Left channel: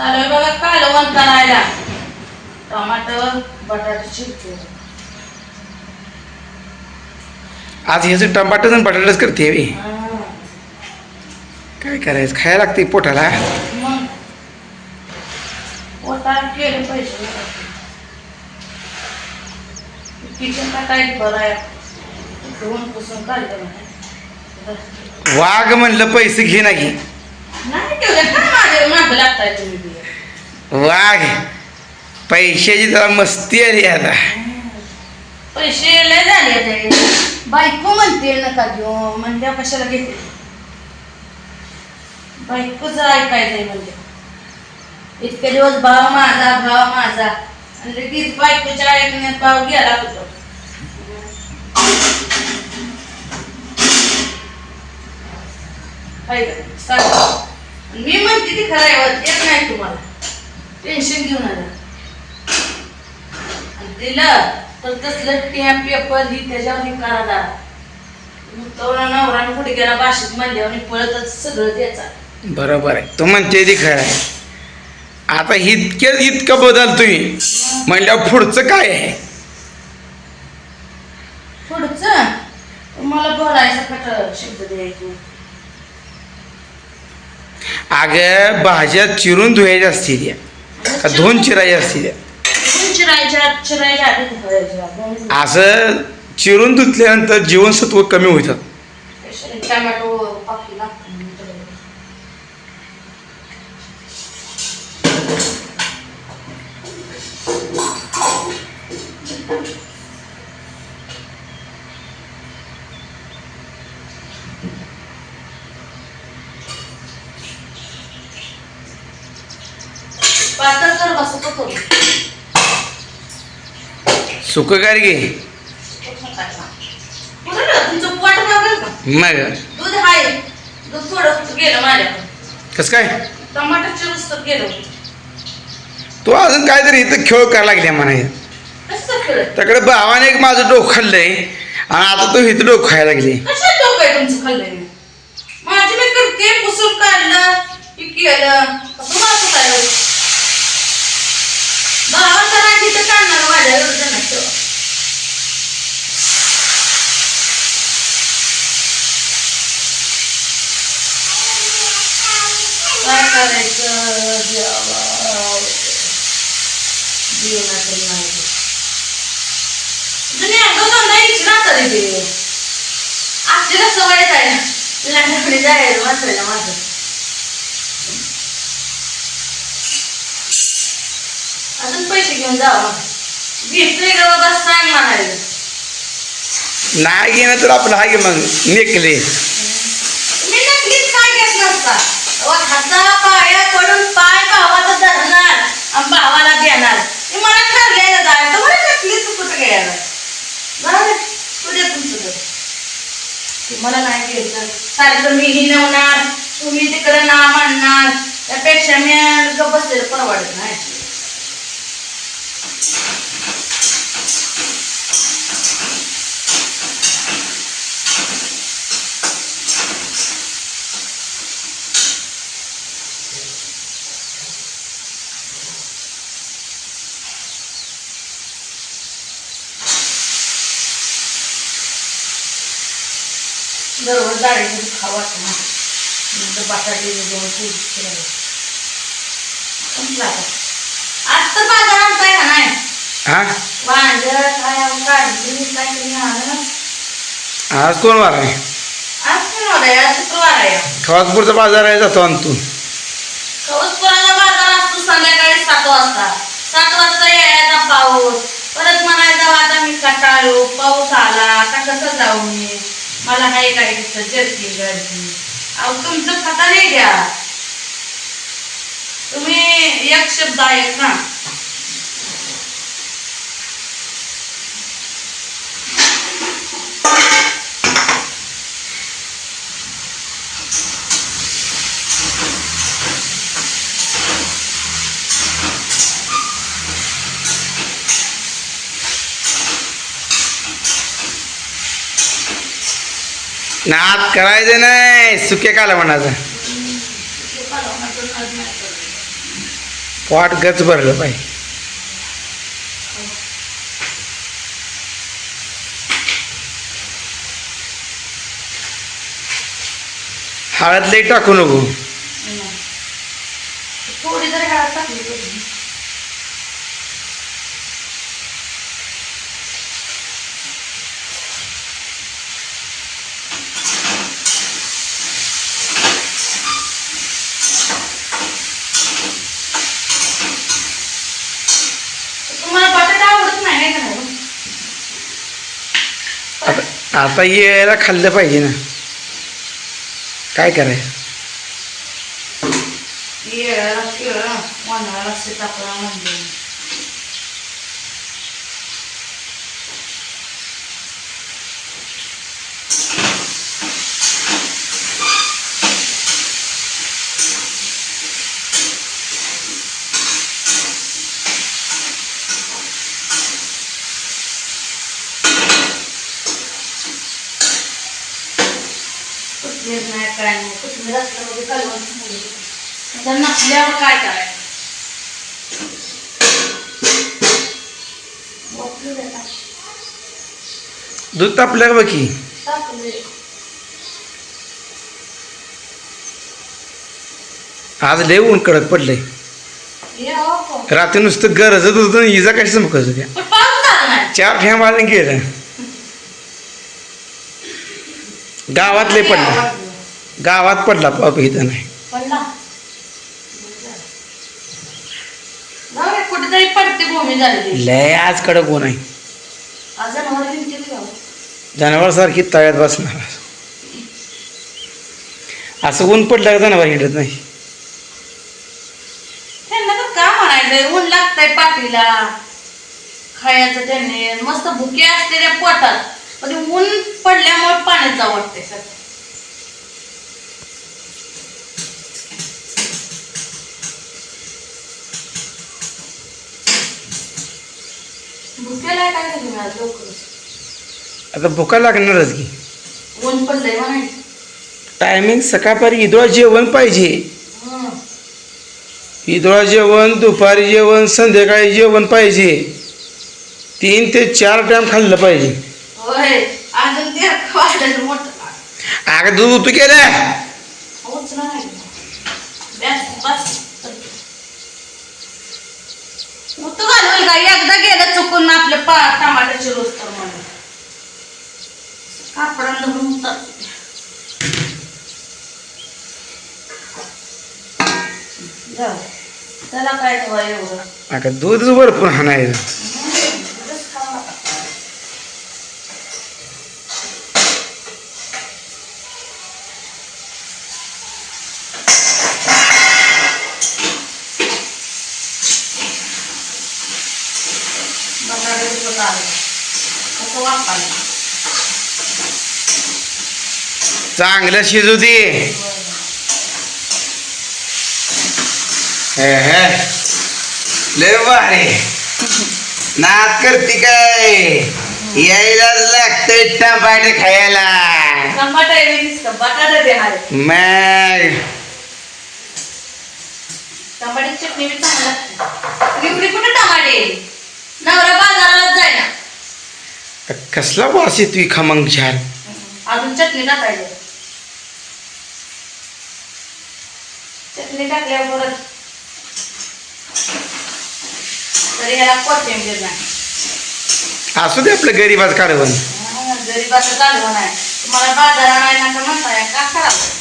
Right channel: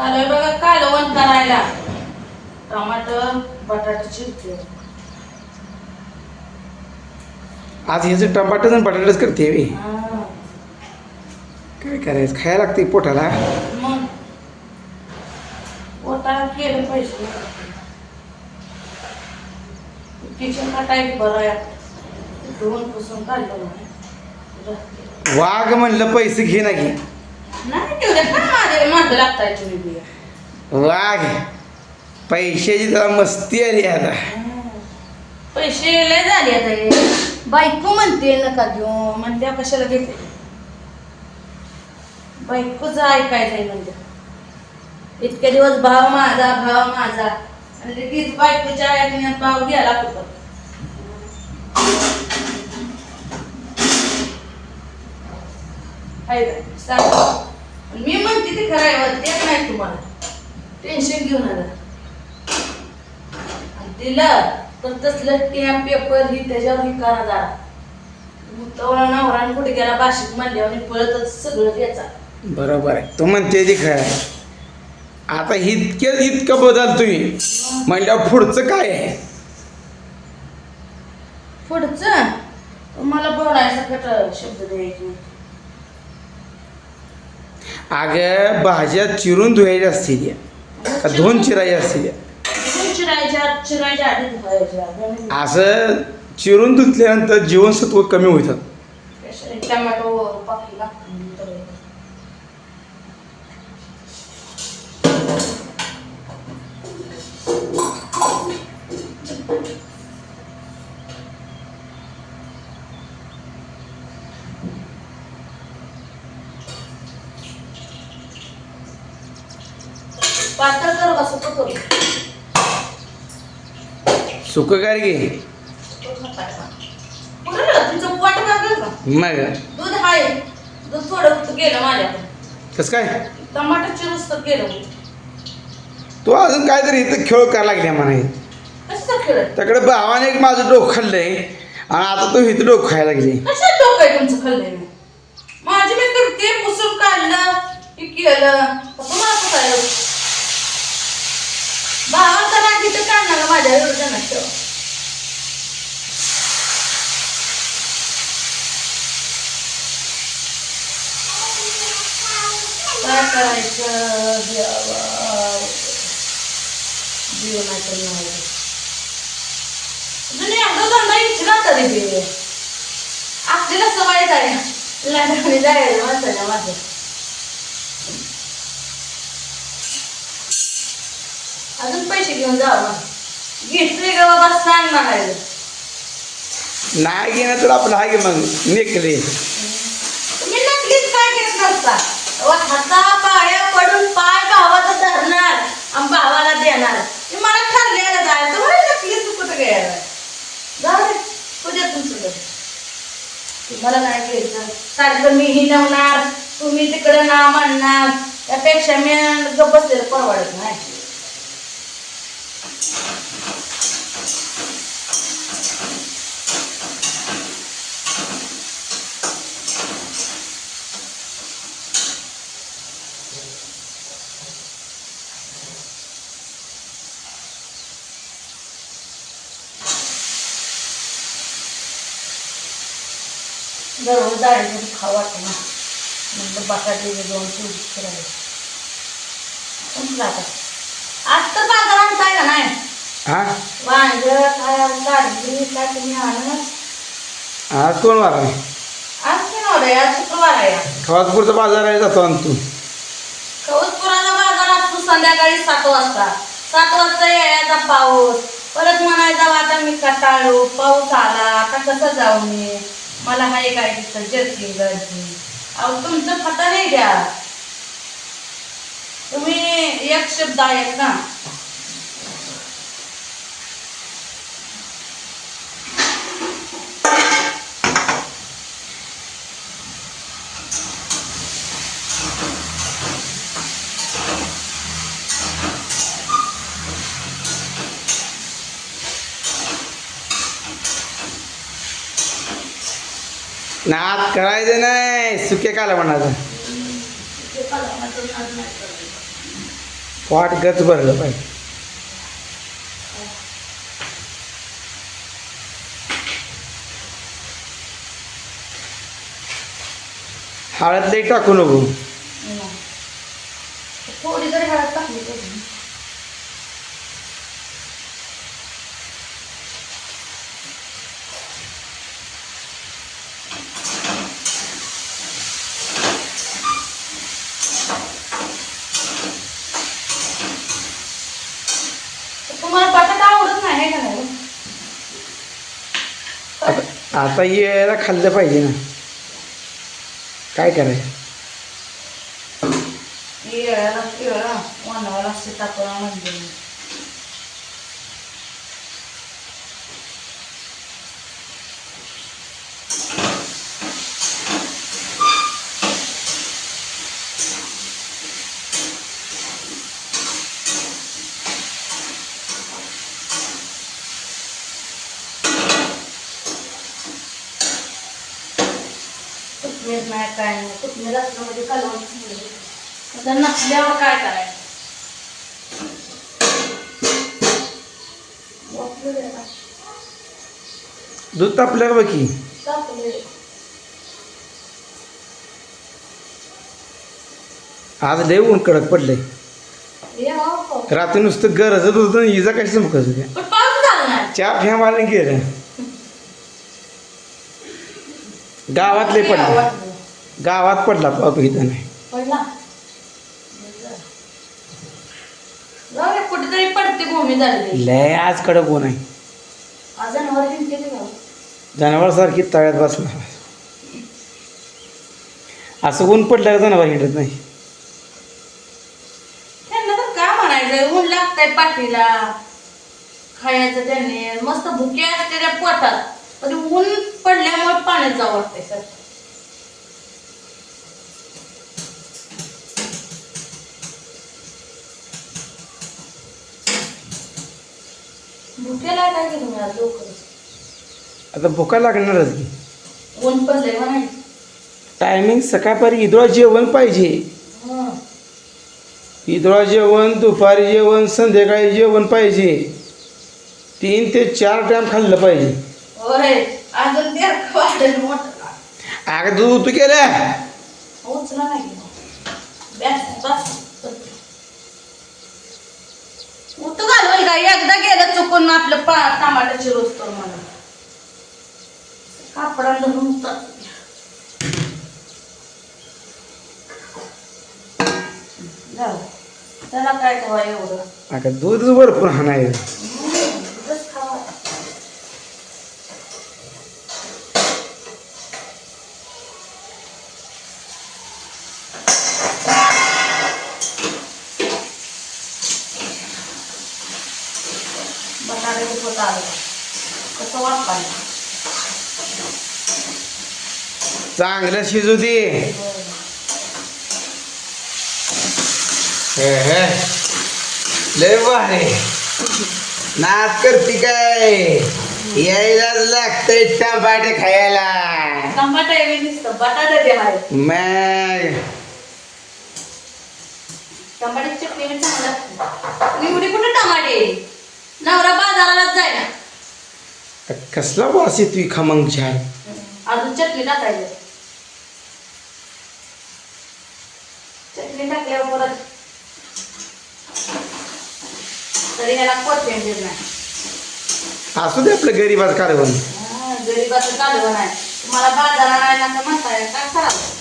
चालू बघा कालवण करायला. टमाटर बटाटा चिरते आज ह्याचं टमाटर आणि बटाटाच करते बे. काय करायचं? खायला लागते पोटाला. मग? पोटाला केलं पाहिजे. किचन का काही बरं आहे. धुवून पुसून काढलं म्हणे. वाघ म्हणलं पैसे घे ना घे. नाही काय मागं लागताय तुम्ही बी. वाघ पैशाची जरा मस्ती आली आता पैसे लय झाले आता. बायको म्हणते नका घेऊ म्हणल्या कशाला घेते बायकोच ऐकायचंय म्हणजे इतके दिवस भाव माझा भाव माझा आणि लगेच बायकोच्या ऐकण्यात भाव गेला कुठं हाय का? सांग. मी म्हणते ती खरं आहे येत नाही तुम्हाला. टेन्शन घेऊन आलं दिलं तर तसलं टॅप पेपर ही त्याच्यावर ही करा तेवढा नवरा कुठे गेला भाषेत म्हणल्यावर पळतच सगळं त्याचा. बरोबर आहे. तो म्हणते ती खरं आहे. आता इतके इतकं बदलतोय म्हणल्यावर पुढचं काय आहे? पुढचं? मला बोलायचा कट शब्द द्यायचे. अगं भाज्या चिरून धुवायच्या असतील त्या. का धुवून चिरायच्या असतील त्या. असं चिरून धुतल्यानंतर जीवनसत्व कमी होतात. पातळ कर होतो घे तुमचं पोट लागेल का? मग दूध आहे दूध थोडं गेलं माझ्याकडून कसं काय? नुसतं गेलं तू अजून काहीतरी इथं खेळ करायला लागल्या म्हणाय कसं त्याकडे भावाने एक माझं डोकं खाल्लंय. आणि आता तू इथं डोकं खायला लागली. कशा डोकं आहे तुमचं खाल्लंय? मी माझी मी करते पुसून काढलं की केलं. काय भावाचा राग इथं काढणार माझ्या एवढं काय करायचं देवा देवाचं नाही. जुन्या गजांना इच्छा तरी दे आपल्याला सवय आहे लग्नाने जायला वाचायला माझं अजून पैसे घेऊन जावं घेतले ग बाबा? सांग म्हणाले. नाही घेणं तर आपलं आहे मग. नेकले. मी नक्कीच काय घेत नसता. अहो, हाता पाया पडून पाय भावाचा धरणार आणि भावाला देणार. हे मला ठरलेलं जाय. तर मला नक्कीच कुठं घ्यायला? जाऊ दे. तुझ्या तुमचं मला नाही घ्यायचं. सारखं मी हिनवणार. तुम्ही तिकडे ना म्हणणार. त्यापेक्षा मी गप्प बसलेलं परवडत नाही. दररोज डाळीचं खावा वाटतं ना. बटाटे दोन तीन फिरायला संपलं आता तर बाजारात काय का नाही हा? आज कोण वार आहे? खवासपूरचा बाजार आहे जातो आणि तू कवचपुराला बाजार असतो संध्याकाळी सात वाजता. सात वाजता यायचा पाऊस. परत म्हणायचा आता मी कटाळू पाऊस आला आता कसं जाऊ मी? मला हाय काय तिथं जर्किंग गर्दी? अहो तुमचं खाता नाही द्या. तुम्ही एक शब्द आहेत ना. नाद करायचं नाही सुके काला म्हणायचं. पाट गच भरलं पाहिजे हळद लई टाकू नको. थोडी जरी हळद टाकली तरी तुम्हाला बटाटा आवडत नाही है का नाही आता येला यायला खाल्लं पाहिजे ना. काय करायचं? येळाला केळा मनाला सीताफळा म्हणजे नाही काय नाही कोथमीर असल्यामध्ये कालवण चांगलं होतं. आता नसल्यावर काय करायचं दूध तापलं का. बाकी आज लय ऊन कडक पडले रात्री नुसतं गरजत होतं इजा कशी चमकत होत्या चार ठेम आले गेलं. गावातले पडले पडलं गावात पडला पाऊस इथं नाही. पडला? कुठेतरी पडते भूमी झाली लय आज कडक ऊन आहे अजून वर गेली का जनावरसारखी तळ्यात बसणार. असं ऊन पडलं का जनावर हिंडत नाही? त्यांना तर का म्हणायचं ऊन लागतंय पाठीला. खायचं त्यांनी. मस्त भुके असते त्या पोटात. पण ऊन पडल्यामुळे पाण्यात जावं वाटतंय सर. भुकेला काय घेऊन आज लवकर? आता भुका लागणारच की. ऊन टायमिंग सकाळपारी इदोळा जेवण पाहिजे. हं. इदोळा जेवण दुपारी जेवण संध्याकाळी जेवण पाहिजे. तीन ते चार टाइम खाल्लं पाहिजे. होय अजून ते वाढलं मोठं. अगं दूध तू केलं. उचला नाही. बस बस. तू घालवल एकदा गेलं चुकून आपलं पा टमाट्याची रोज तर म्हणून. कापडा धरून त्याला काय ठेवा एवढं? अगं दूध भरपूर हाणायचं उगाच खावा. पोत आलं. कसं वापरलं? चांगलं शिजू दे हे हे लय भारी नाच करते काय यायला लागतंय टमाटे खायला टमाटा बटाटा बी आहे. मग टमाट्याची चटणी बी चांगली लागते. पण एवढी कुठे टमाटे नवरा बाजारालाच जायना कसला वास येतोय खमंग छान अजून चटणी टाकायची. चटणी टाकल्यावर परत तरी कोथिंबीर नाही असू दे आपलं गरीबाच कारवण गरीबाचं कालवण आहे. तुम्हाला बाजारा नाही नका म्हणताय का करावं?